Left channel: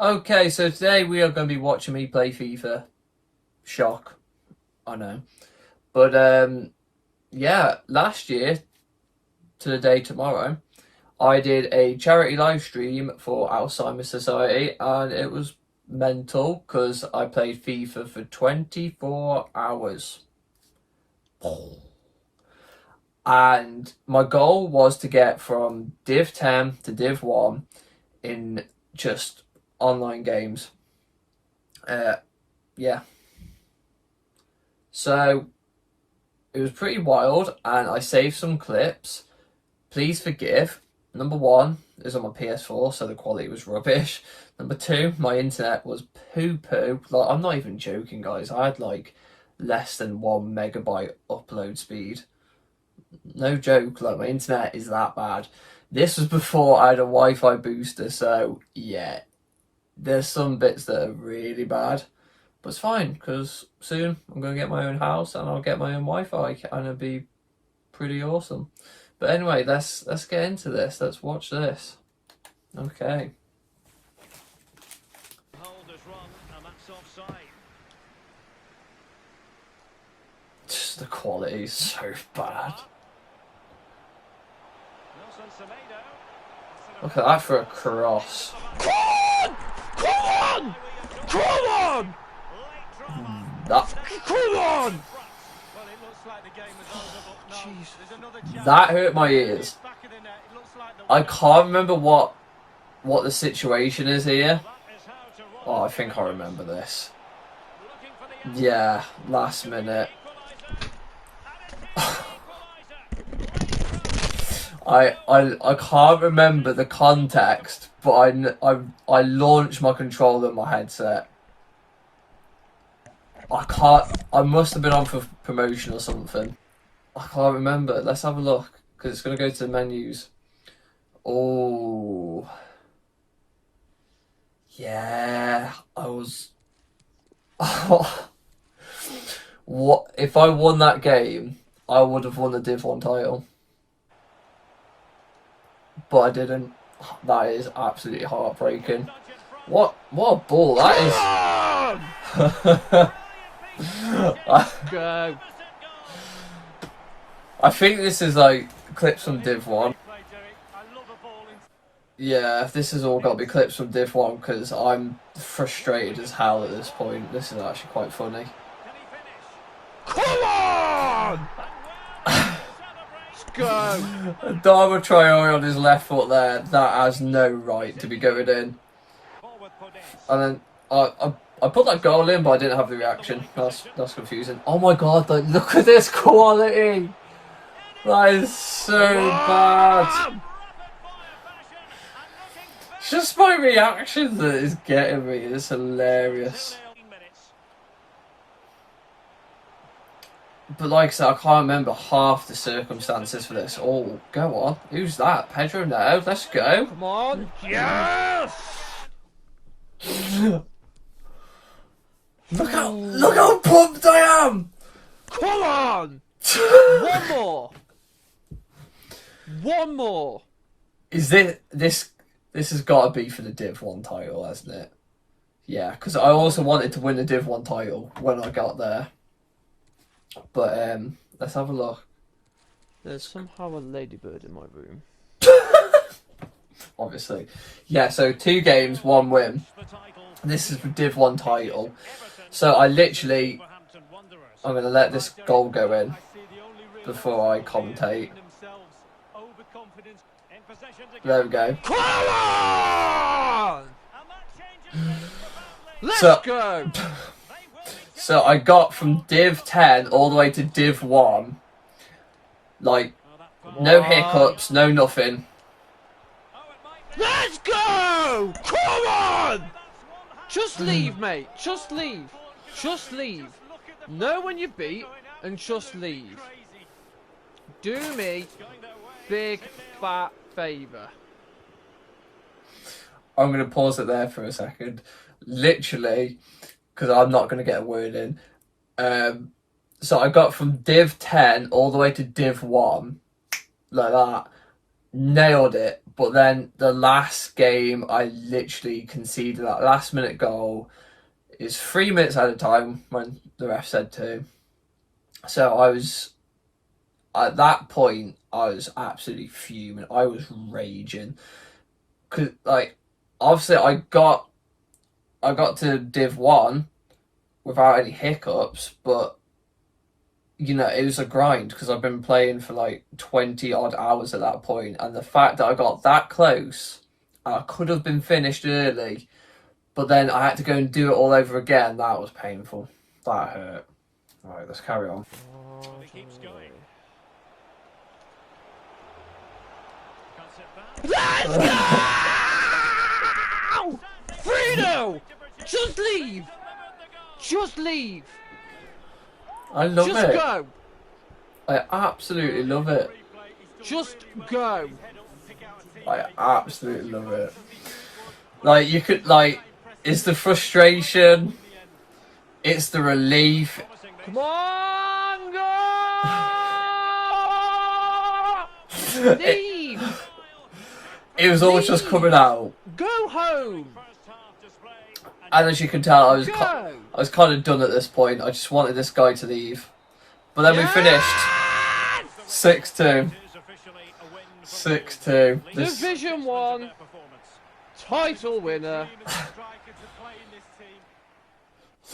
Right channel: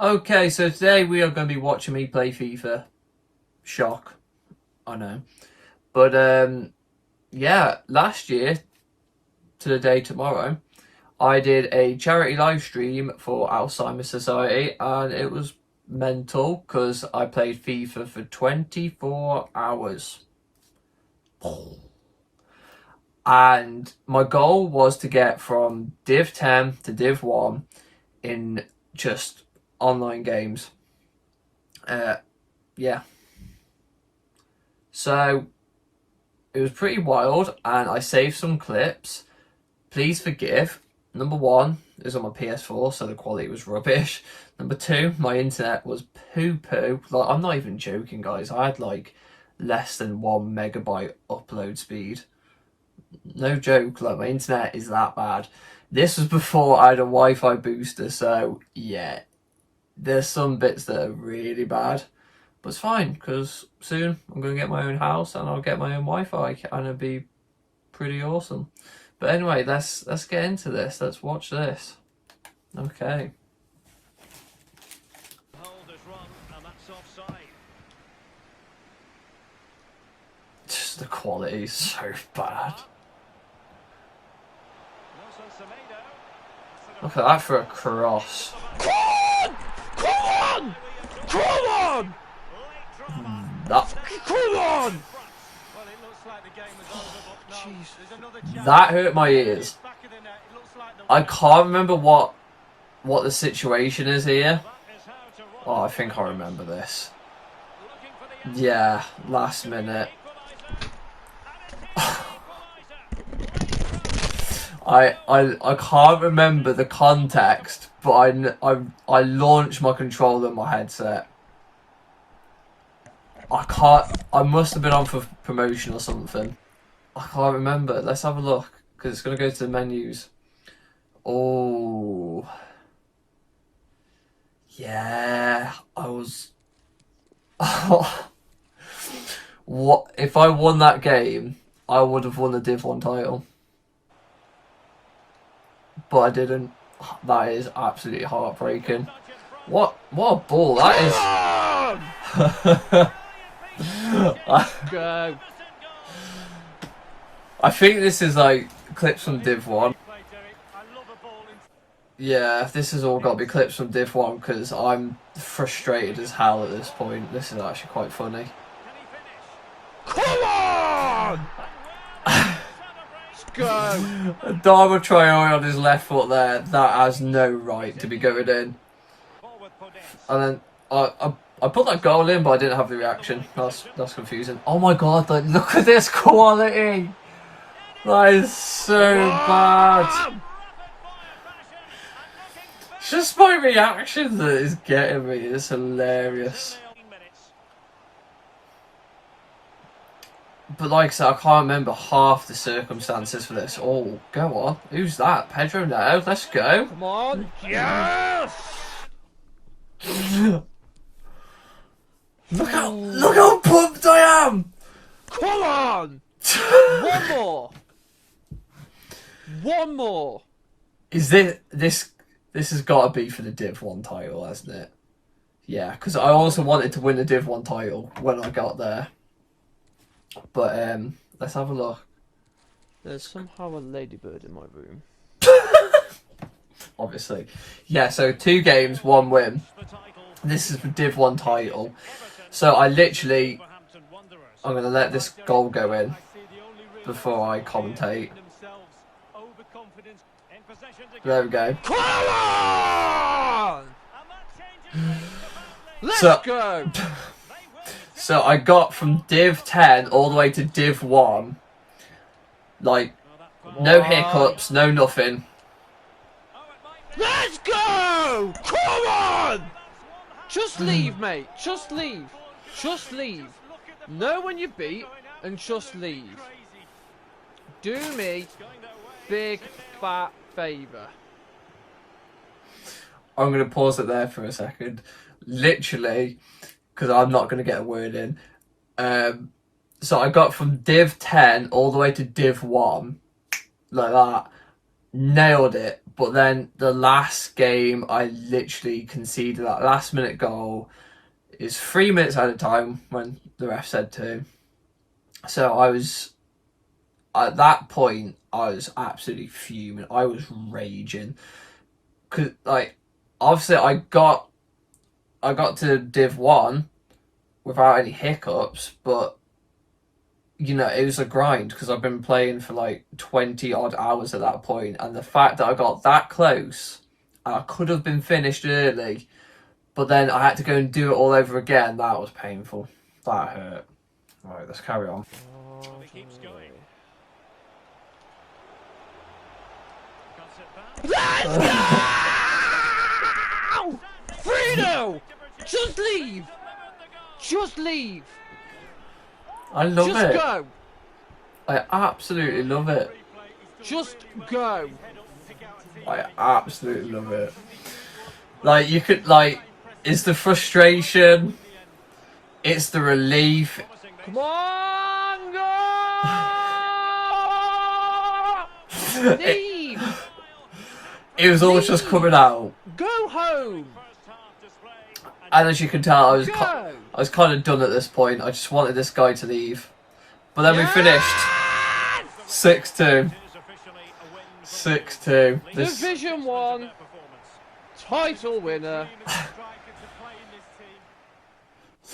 Okay, so today we are going to be watching me play FIFA. Shock, I know. But yeah, last year, to the day tomorrow, I did a charity live stream for Alzheimer's Society, and it was mental because I played FIFA for 24 hours. And my goal was to get from Div 10 to Div 1 in just online games. Yeah. So it was pretty wild, and I saved some clips. Please forgive. Number one is on my PS4, so the quality was rubbish. Number two, my internet was poo-poo. Like, I'm not even joking, guys. I had like less than 1 megabyte upload speed. No joke, like my internet is that bad. This was before I had a Wi-Fi booster, so yeah, there's some bits that are really bad. But it's fine, because soon I'm going to get my own house and I'll get my own Wi-Fi, and it'll be pretty awesome. But anyway, let's get into this. Let's watch this. Okay. Holders run, and that's offside. Just the quality is so bad. Look at that for a cross. Come on! Come on! Come on! Come on! That hurt my ears. I can't remember what the situation is here. Oh, I think I remember this. Yeah, last minute. I can't remember the context, but I launched my controller in my headset. I must have been on for promotion or something. I can't remember. Let's have a look, because it's going to go to the menus. Oh. Yeah, I was... What if I won that game, I would have won the Div 1 title. But I didn't. That is absolutely heartbreaking. What a ball that is. Go. I think this is like clips from Div 1. Yeah, this has all got to be clips from Div 1, because I'm frustrated as hell at this point. This is actually quite funny. Come on! Let's go. Dharma Traore on his left foot there. That has no right to be going in. And then I put that goal in, but I didn't have the reaction. That's confusing. Oh my god! Like, look at this quality. That is so bad. Just my reaction that is getting me. It's hilarious. But like I said, I can't remember half the circumstances for this. Oh, go on. Who's that? Pedro now. Let's go. Come on. Yes! Look how pumped I am. Come on! One more. One more. Is this has got to be for the Div 1 title, hasn't it? Yeah, because I also wanted to win the Div 1 title when I got there. But let's have a look. There's somehow a ladybird in my room. Obviously. Yeah, so 2 games, 1 win. This is the Div 1 title. So I'm going to let this goal go in before I commentate. There we go. Come on! Let's go! So I got from Div 10 all the way to Div 1. Like, no hiccups, no nothing. Let's go! Come on! Just leave, mate. Just leave. Just leave. Know when you beat and just leave. Do me big fat favour. I'm going to pause it there for a second. Literally, because I'm not going to get a word in. So I got from Div 10 all the way to Div 1. Like that. Nailed it. But then the last game, I literally conceded that last minute goal. It's 3 minutes at a time when the ref said 2. So I was, at that point, I was absolutely fuming. I was raging. Cause like, obviously I got to Div 1 without any hiccups, but you know, it was a grind because I've been playing for like 20 odd hours at that point, and the fact that I got that close, I could have been finished early, but then I had to go and do it all over again. That was painful. That hurt. Alright, let's carry on. Well, he keeps going. Cuts it back. Let's go! Fredo! Just leave! Just leave! I love Just it. go! I absolutely love it. Just go! I absolutely love it. Like, you could, like, it's the frustration, it's the relief. Come on, go! Leave! It was always just coming out. Go home! And as you can tell, I was Go! kind of done at this point. I just wanted this guy to leave. But then we finished 6-2. 6-2. Division 1 title winner.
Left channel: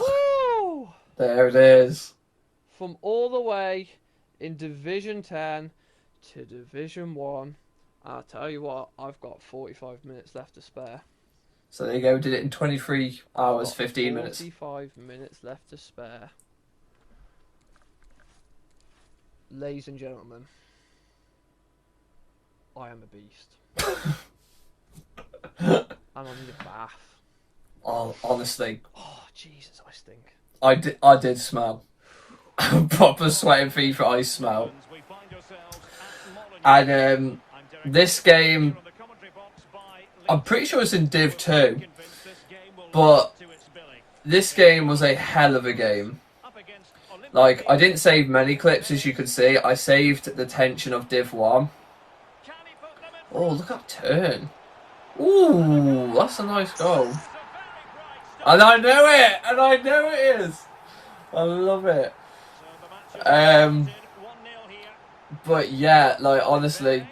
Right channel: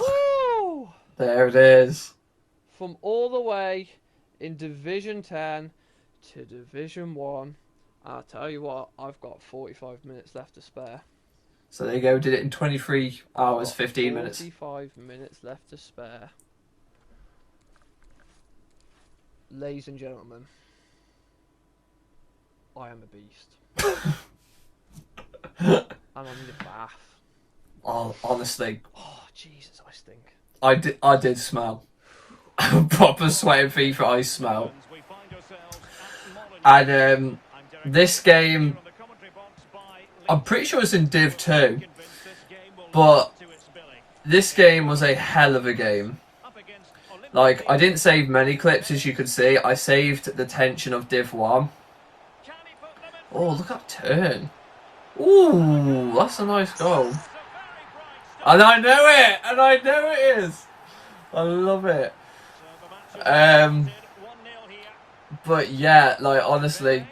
Woo! There it is. From all the way in Division 10 to Division 1. I'll tell you what, I've got 45 minutes left to spare. So there you go. Did it in 23 hours, 15 minutes. 45 minutes left to spare. Ladies and gentlemen, I am a beast. And I need a bath. Oh, honestly, Oh, Jesus, I stink. I did smell. Proper sweating FIFA ice smell. And this game, I'm pretty sure it's in Div 2, but this game was a hell of a game. Like, I didn't save many clips, as you could see. I saved the tension of Div 1. Oh, look at that turn. Ooh, that's a nice goal. And I know it! And I know it is! I love it. But yeah, like, honestly,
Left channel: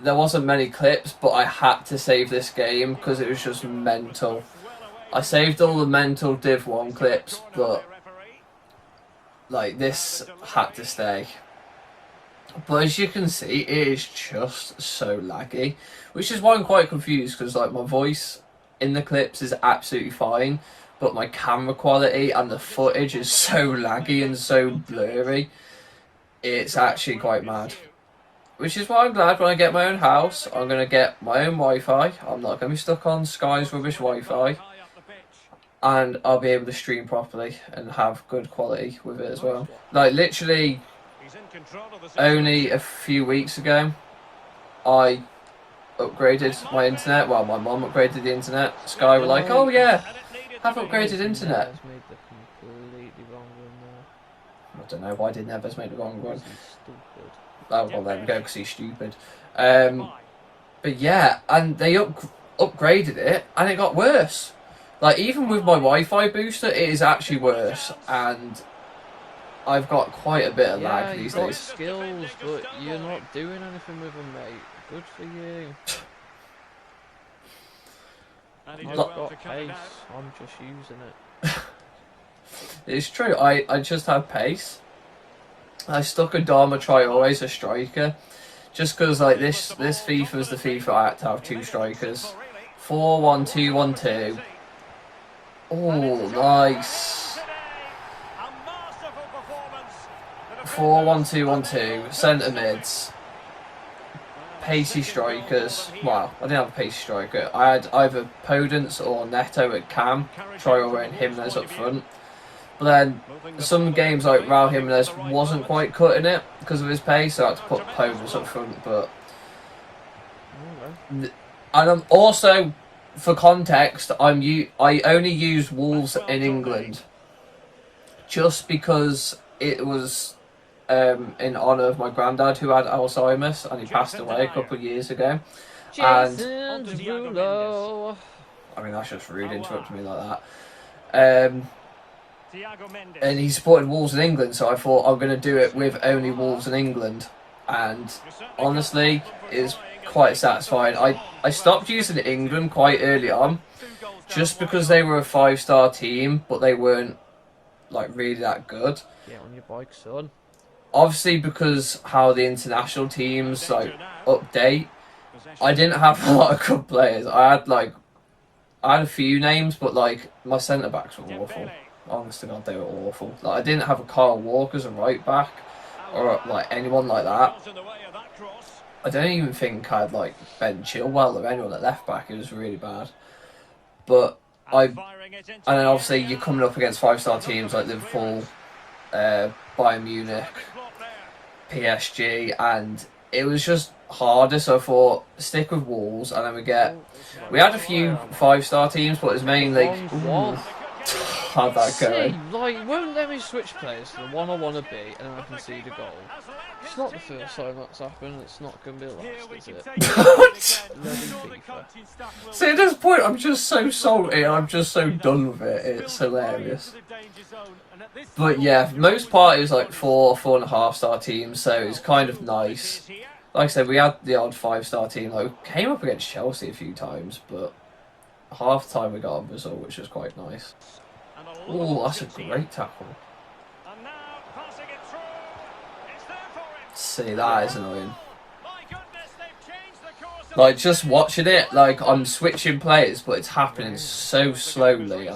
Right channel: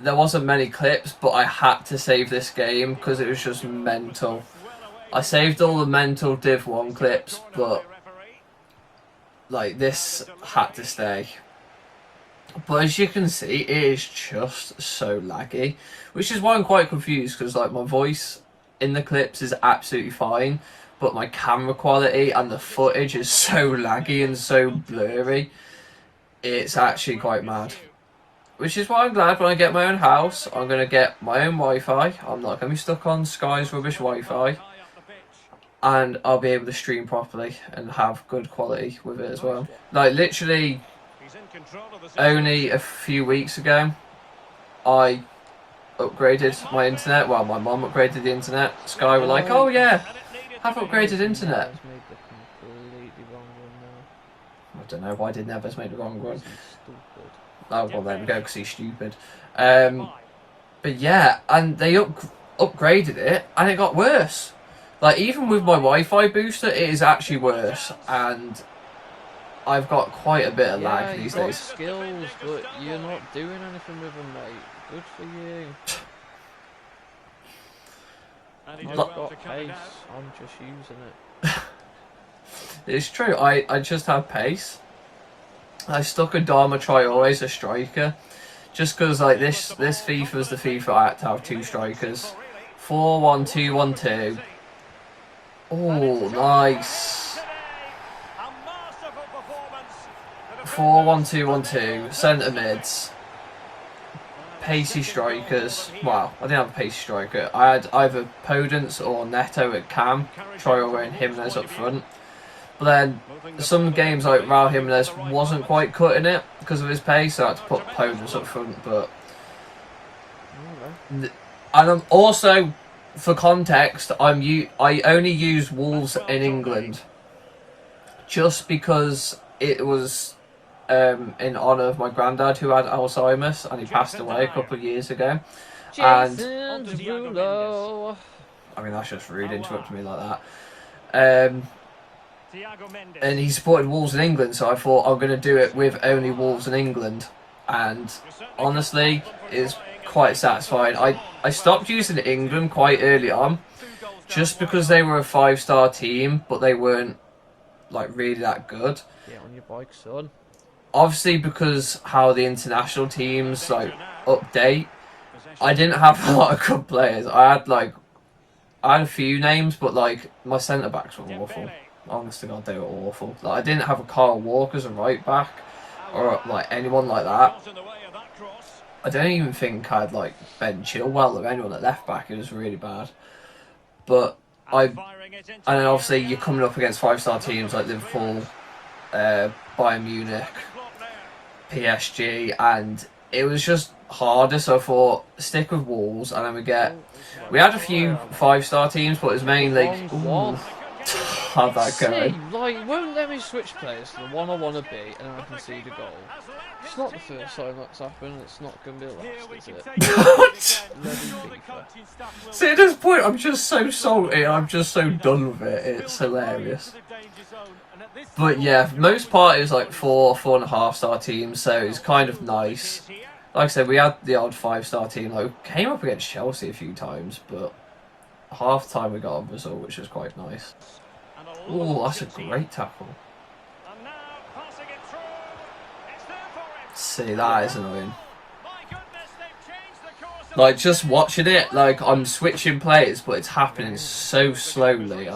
there wasn't many clips, but I had to save this game because it was just mental. I saved all the mental Div 1 clips, but like, this had to stay. But as you can see, it is just so laggy, which is why I'm quite confused, because like, my voice in the clips is absolutely fine, but my camera quality and the footage is so laggy and so blurry. It's actually quite mad. Which is why I'm glad when I get my own house, I'm going to get my own Wi-Fi. I'm not going to be stuck on Sky's rubbish Wi-Fi. And I'll be able to stream properly and have good quality with it as well. Like, literally, only a few weeks ago, I upgraded my internet. Well, my mum upgraded the internet. Sky were like, oh yeah, I've upgraded internet. Neves made the completely wrong one there. I don't know, why did Neves make the wrong one? He's stupid. Oh, well, there we go, because he's stupid. But yeah, and they upgraded it, and it got worse. Like, even with my Wi-Fi booster, it is actually worse, and I've got quite a bit of lag these you've got days. skills, but you're not doing anything with them, mate. Good for you. I've got pace, I'm just using it. It's true, I just have pace. I stuck a Dharma Traore, a striker, just because like this FIFA is the FIFA I had to have 2 strikers. 4-1-2-1-2. Oh, nice. 4-1-2-1-2. Centre mids. Pacey strikers. Well, I didn't have a pacey striker. I had either Podence or Neto at cam. Traore and Jimenez up front. But then some games like Raul Jimenez wasn't quite cutting it because of his pace, so I had to put Podence up front. But and I'm also, for context, I only use Wolves in England just because it was in honour of my granddad who had Alzheimer's and he passed away a couple of years ago. Jason Derulo. I mean, that's just rude interrupting me like that. And he supported Wolves in England, so I thought I'm going to do it with only Wolves in England. And honestly, it's quite satisfying. I stopped using England quite early on, just because they were a 5-star team, but they weren't like really that good. Get on your bike, son. Obviously, because how the international teams like update, I didn't have a lot of good players. I had a few names, but like my centre backs were awful. Honestly, God, they were awful. Like I didn't have a Carl Walker as a right back, or like anyone like that. I don't even think I had like Ben Chilwell or anyone at left back. It was really bad. But and then obviously you're coming up against 5-star teams like Liverpool, Bayern Munich, PSG, and it was just harder. So I thought stick with Wolves, and then we had a few 5-star teams, but it was mainly how'd that go? Like, won't let me switch players to the one I want to be, and then I concede a goal. It's not the first time that's happened. It's not going to be the last, is it? Bloody FIFA. See, at this point, I'm just so salty. I'm just so done with it. It's hilarious. But yeah, most part is like 4.5-star teams, so it's kind of nice. Like I said, we had the odd 5-star team. Like, we came up against Chelsea a few times, but half the time we got a result, which was quite nice. Oh, that's a great tackle. See, that is annoying. Like, just watching it, like, I'm switching players, but it's happening so slowly.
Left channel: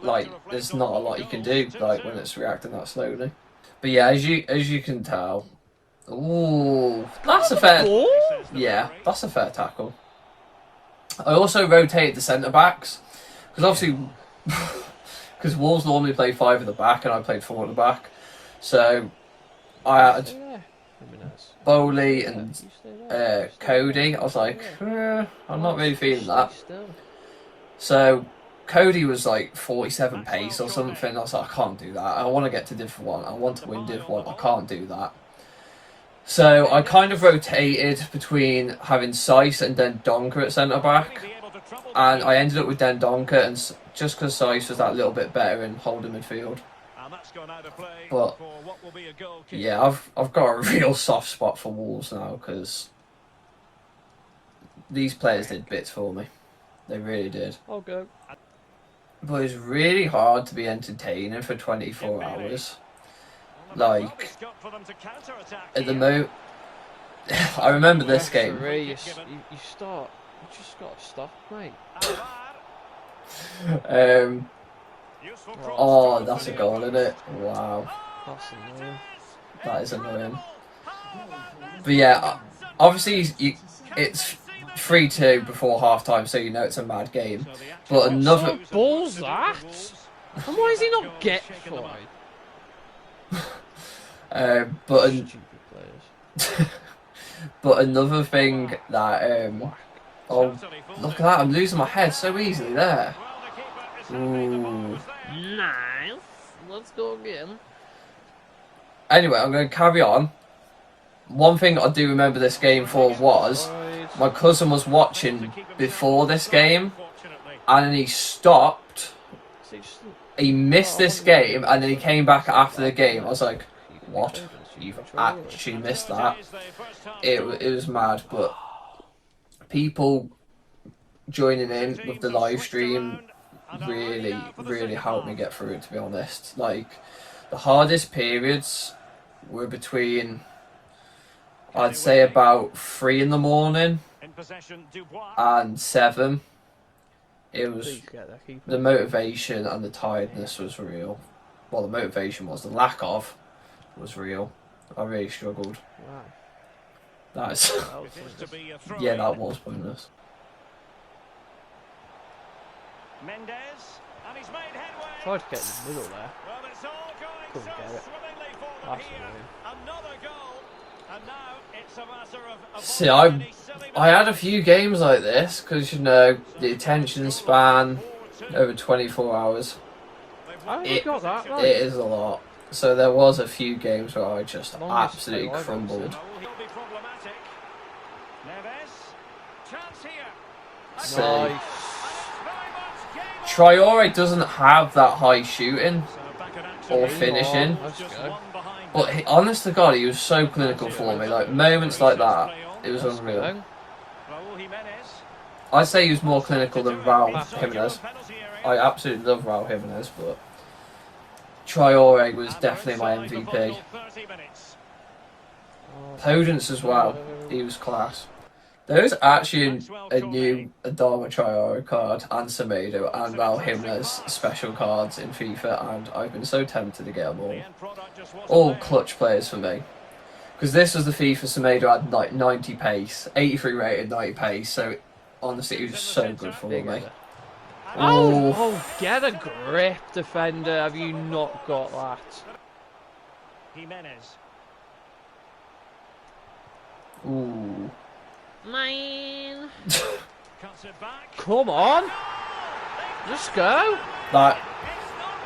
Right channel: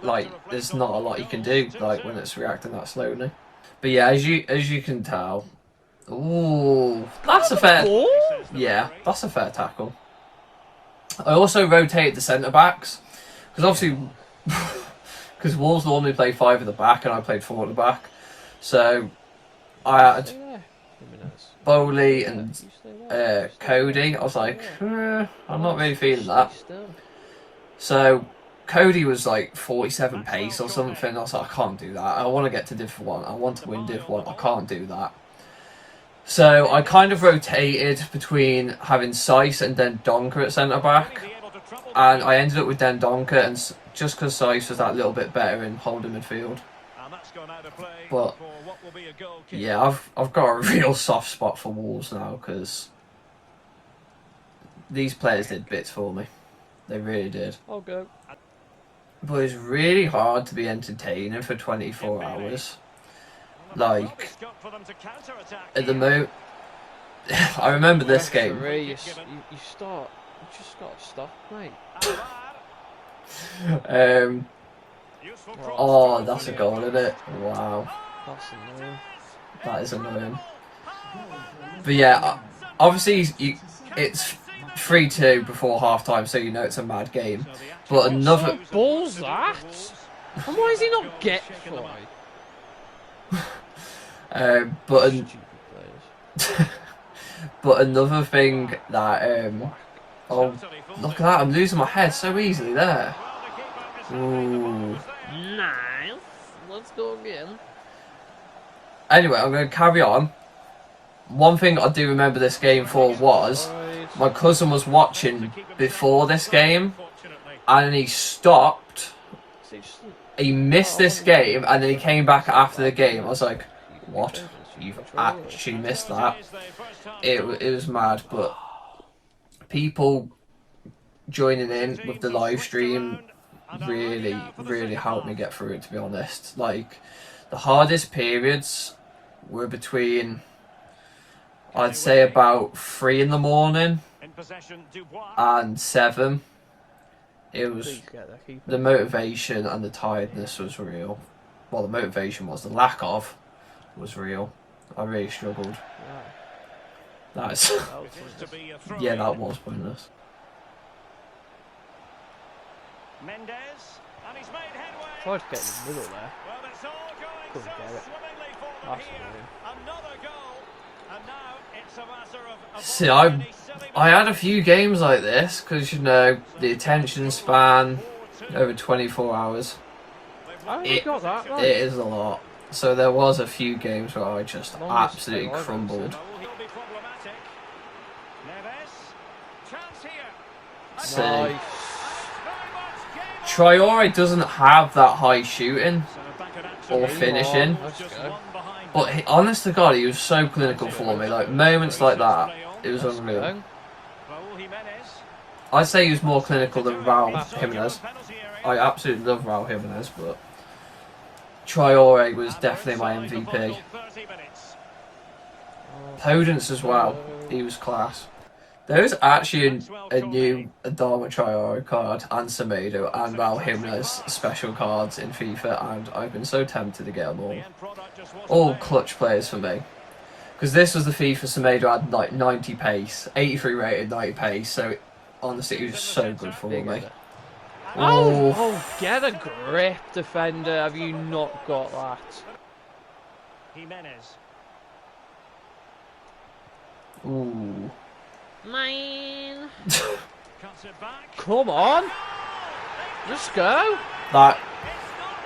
Like, there's not a lot you can do, like, when it's reacting that slowly. But yeah, as you can tell, ooh, that's a fair. Yeah, that's a fair tackle. I also rotated the centre backs because obviously, because Wolves normally play 5 at the back and I played 4 at the back, so I had Bowley and Cody. I was like, I'm not really feeling that. So Cody was like 47 pace or something. I was like, I can't do that. I want to get to Div 1. I want to win Div 1. I can't do that. So I kind of rotated between having Seiss and then Donker at centre back, and I ended up with Den Donker, and just because Seiss was that little bit better in holding midfield. But yeah, I've got a real soft spot for Wolves now because these players did bits for me. They really did. I'll go. But it's really hard to be entertaining for 24 hours. Like, at the moment, I remember this game. You just got to stop, mate. Oh, that's a goal, isn't it? Wow. That's annoying. That is annoying. But yeah, obviously it's 3-2 before half time, so you know it's a mad game. But another. What ball's that? And why is he not get fried? But another thing that oh, look at that! I'm losing my head so easily there. Ooh. Nice. Let's go again. Anyway, I'm going to carry on. One thing I do remember this game for was my cousin was watching before this game, and he stopped. He missed this game, and then he came back after the game. I was like, what? You've actually missed that? It was mad, but people joining in with the live stream really helped me get through it, to be honest. Like, the hardest periods were between, I'd say, about 3 in the morning and 7. It was the motivation and the tiredness was real. Well, the motivation was, the lack of was real. I really struggled. That's yeah, that was pointless. Mendes, and he's made headway. Tried to get in the middle there. Well, it's all going Couldn't so get it. swimmingly for them That's here. annoying. Another goal, and now it's a matter of See, avoiding any silly I had a few games like this because, you know, the attention span over 24 hours. I only got that right. It is a lot. So there was a few games where I just Longest absolutely play I've ever crumbled. seen. So he'll be problematic. Neves, Chance here. See. Nice. And it's very much game on. Traore doesn't have that high shooting So back at action. or Game finishing. on. Let's Just go. one behind But them. honest to God, he was so clinical for me. Like moments like that, it was Let's unreal. go. Raul Jimenez. I'd say he was more clinical than Raul Inside your own Jimenez. penalty area. I absolutely love Raul Jimenez, but Traore was definitely my And we're inside the MVP. final 30 minutes. Podence as well, he was class. There is actually a new Adama Traore card and Semedo and Raul Jimenez special cards in FIFA, and I've been so tempted to get them The all. end product just wasn't All there. clutch players for me. Because this was the FIFA Semedo had like 90 pace, 83 rated, 90 pace, so honestly it was so good for Big me. header. Ooh. Oh, get a grip, defender. Have you not got that? Jimenez. Ooh. Man. Cuts it back. Come on. Let's go. That,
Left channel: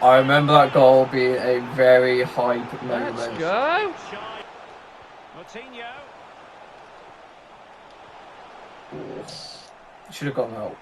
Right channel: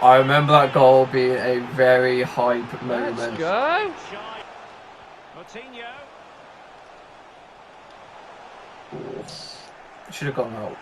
I remember that goal being a very hype moment. Let's go. Shy. Moutinho. Should have gone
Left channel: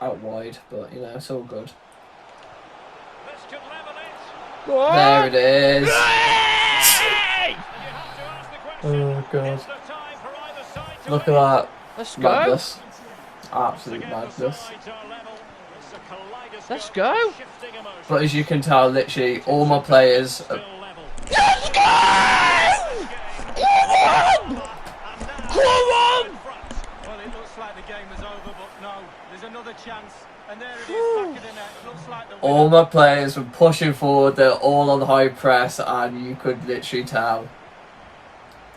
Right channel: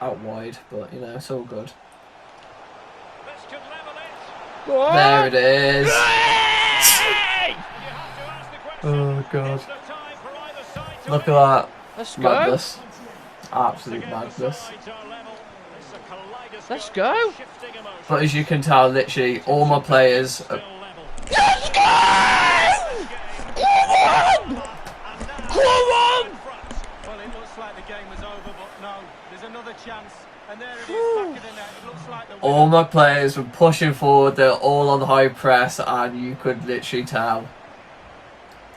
out wide, but you know, it's all good. This could level it. Go on. There it is. And you have to ask the question, Oh god. is there time for either side to Look win? at that. Let's go. Madness. Once Absolute again, the madness. sides are level. It's a kaleidoscope Let's go. of shifting emotions. But as you can tell, literally all my players Still level. Let's go. Come on. Come on. Well, it looks like the game is over, but no, there's another chance. And there it is, back of the net. It looks like the all my players were pushing forward, they're all on high press, and you could literally tell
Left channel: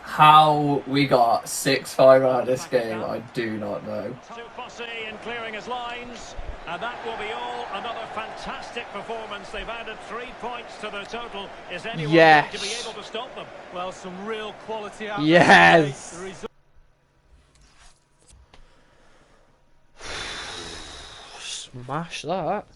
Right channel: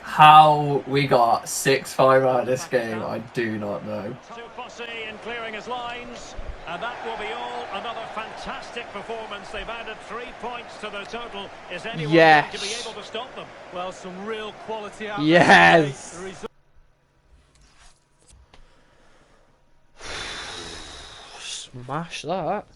how we got 6-5 out of this game. I do not know. Too fussy in clearing his lines. And that will be all. Another fantastic performance. They've added 3 points to their total. Is anyone Yes. going to be able to stop them? well, some real quality out Yes. there. The result Smash that.